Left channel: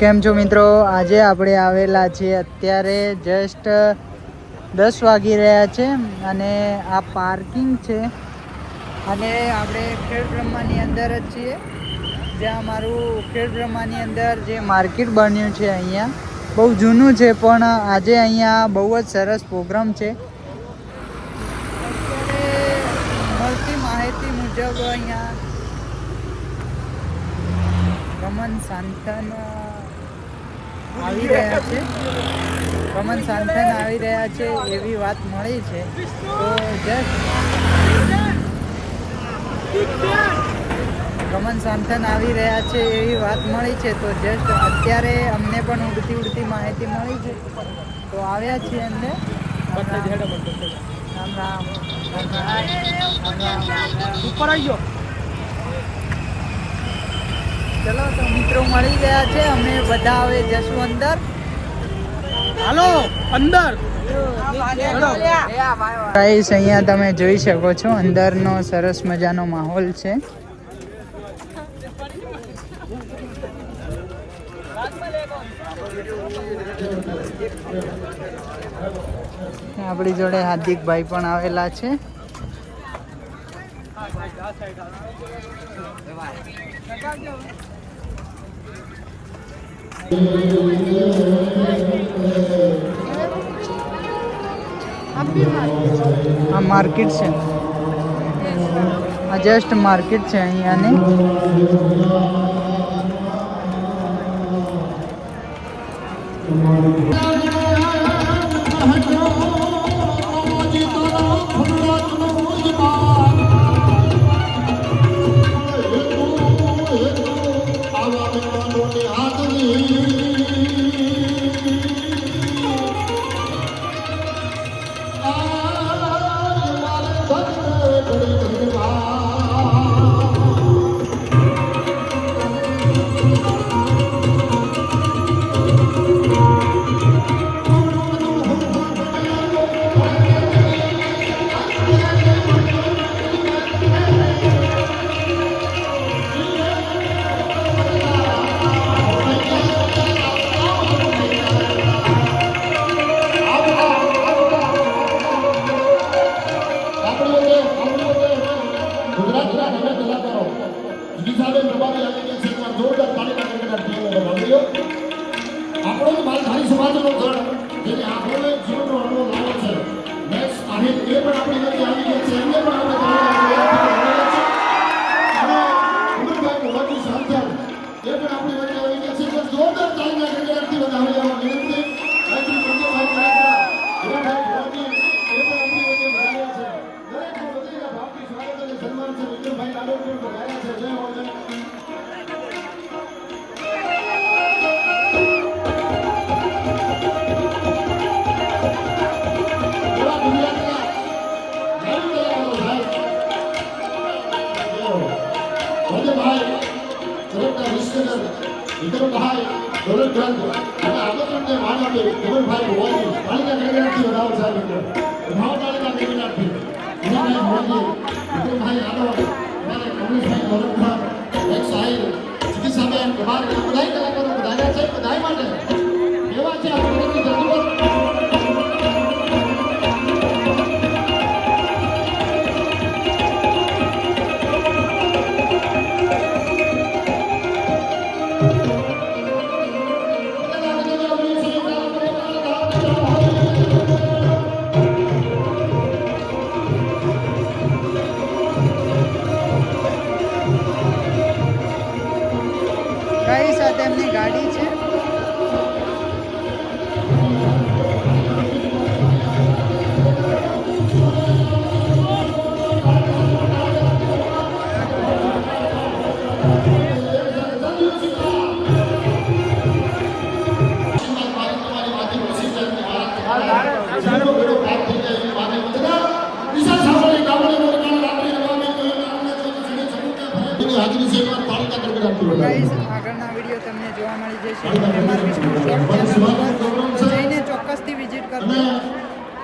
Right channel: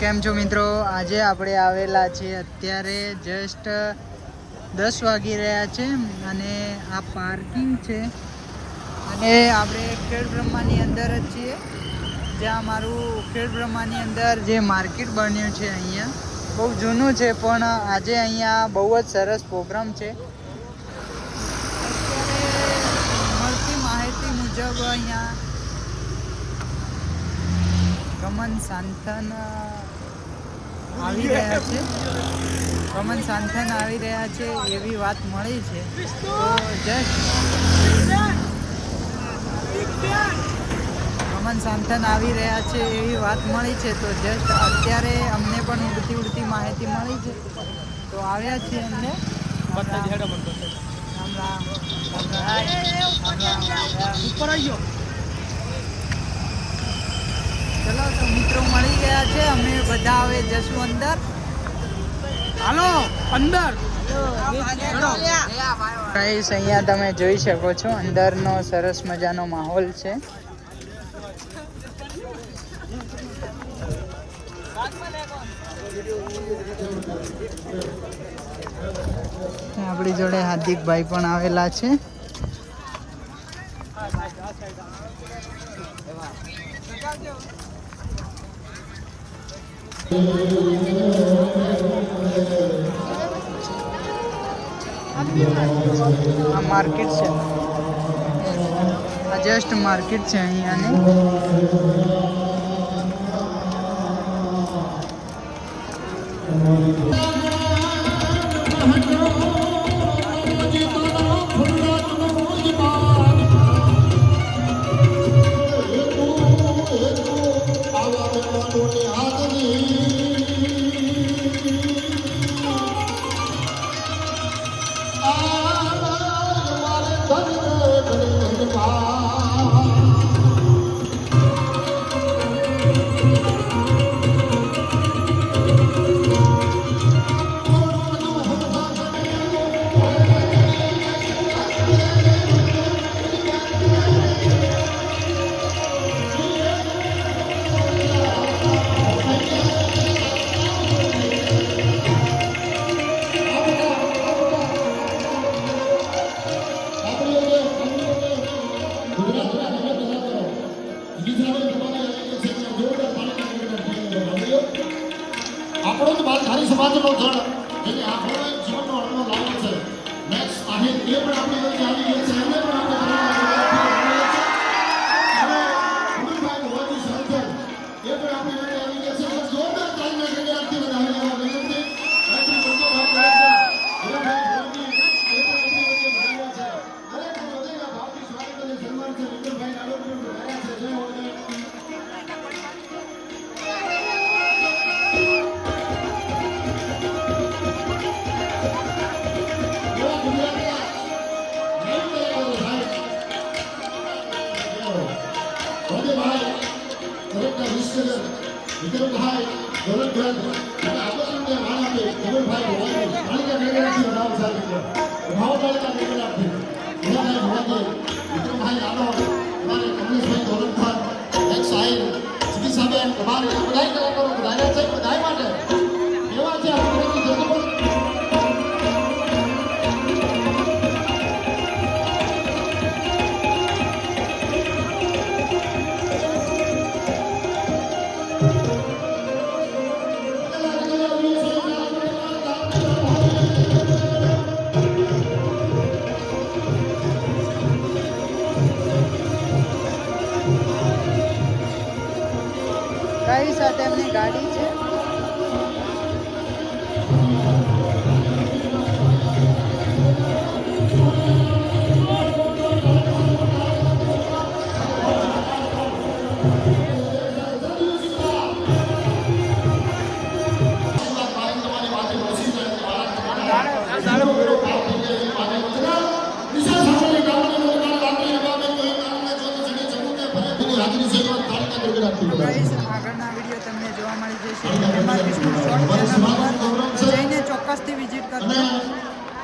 કેમ છો મિત્રો? આજે આપણે આવેલા છીએ અત્યારે જસ્ટ 10 વાગી રહ્યા છે અને આ પાર્કિંગ છે અને આપણે ખેડબ્રહ્માની અંદર જ છીએ, જ્યાં મારું ખેડબ્રહ્માની અંદર જે માર્કેટ બન્યું છે અહીંયા બહુ જૂનું છે, પણ આજે અહીંયા બહુ જ સરસ પ્રોગ્રામ છે. અત્યારે મળતી માહિતી મુજબ અહીંયા રમન સાંથન આવી રહ્યા છે એવી વાત મળી છે. તો જસ્ટ રમન સાંથન આવી રહ્યા છે એવી વાત મળી છે. તો જસ્ટ અત્યારે અમને પણ ઉડતી માહિતી મળી છે, તો આવ્યા છીએ અંદર. રામ રામ ઉપર આવી ગયો. ચલો તો મિત્રો મળી ગયા છે, અમે બધા હવે જશું અંદર. હાલો અંદર. ગાઈસ અહીંયા તમે જોઈ શકો છો અંદરનો સરસ મજાનો માહોલ છે. આપણી જોડે હાર્દિકભાઈ પણ આવેલા છે. આ માર્કેટ છે, આ જસ્ટ માર્કેટ છે અહીંયાની. આગળના વિડીયો તમને જોવા મળી જશે. એમાં શોર્ટ ચેનલ પર જઈને ચોક્કસથી વિઝિટ કરજો.